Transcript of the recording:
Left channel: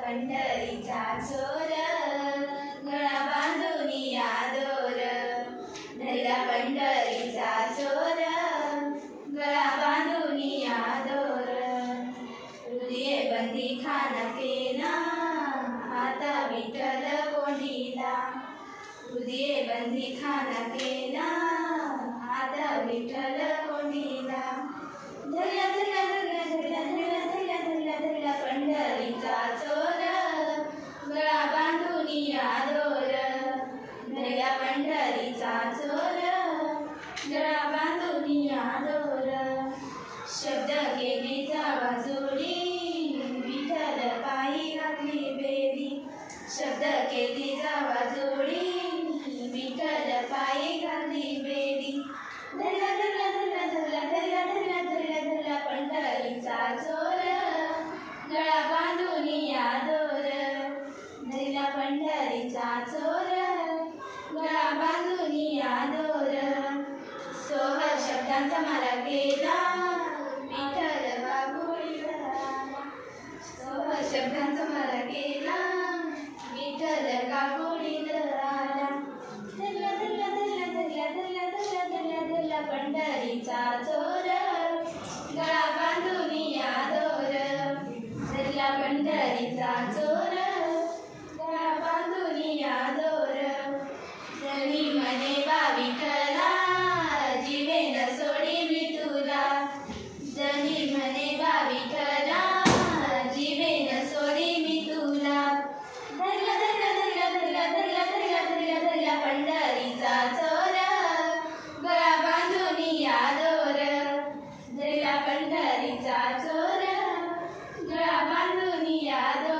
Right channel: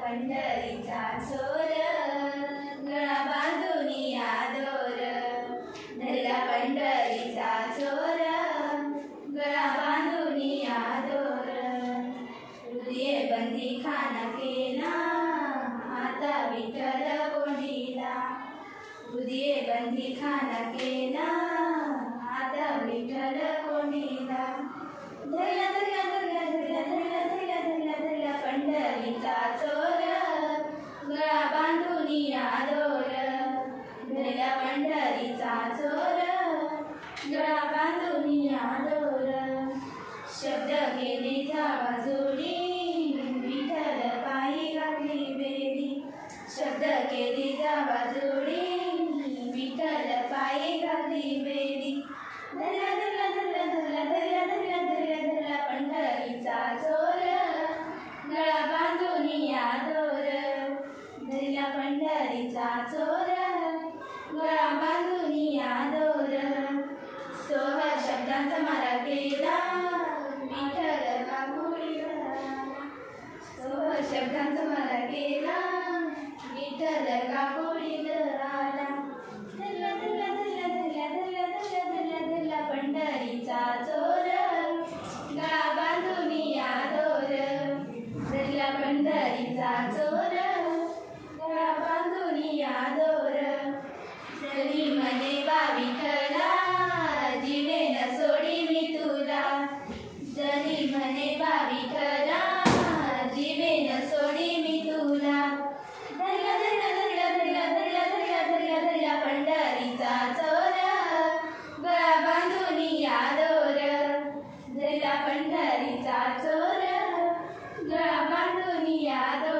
पंढरीचा चोर गळा बांधून आदोर धरला पंढरीचा चोर गळा बांधून आदोर हृदय बंदी खान केला आता विठ्ठल कोंडीला हृदय बंदी खान केला आता विठ्ठल कोंडीला धरला धरला धरला धरला धरला धरला धरला धरला पंढरीचा चोर गळा बांधून आदोर धरला पंढरीचा चोर गळा बांधून आदोर शब्द केली जावा जोडी विठ्ठल पायी घातली बेडी शब्द केली जावा जोडी विठ्ठल पायी घातली बेडी धरला धरला धरला धरला धरला धरला धरला धरला पंढरीचा चोर गळा बांधून आदोर धरला पंढरीचा चोर गळा बांधून आदोर सोह शब्दांचा मारा केला विठ्ठल काकुळीला सोह शब्दांचा मारा केला विठ्ठल काकुळीला आला धरला धरला धरला धरला धरला धरला धरला धरला पंढरीचा चोर गळा बांधून आदोर धरला पंढरीचा चोर गळा बांधून आदोर जरी म्हणे बा विठ्ठला जीवेन सोडीन तुला जरी म्हणे बा विठ्ठला जीवेन सोडीन तुला धरला धरला धरला धरला धरला धरला धरला धरला पंढरीचा चोर गळा बांधून आदोर धरला पंढरीचा चोर गळा बांधून आदोर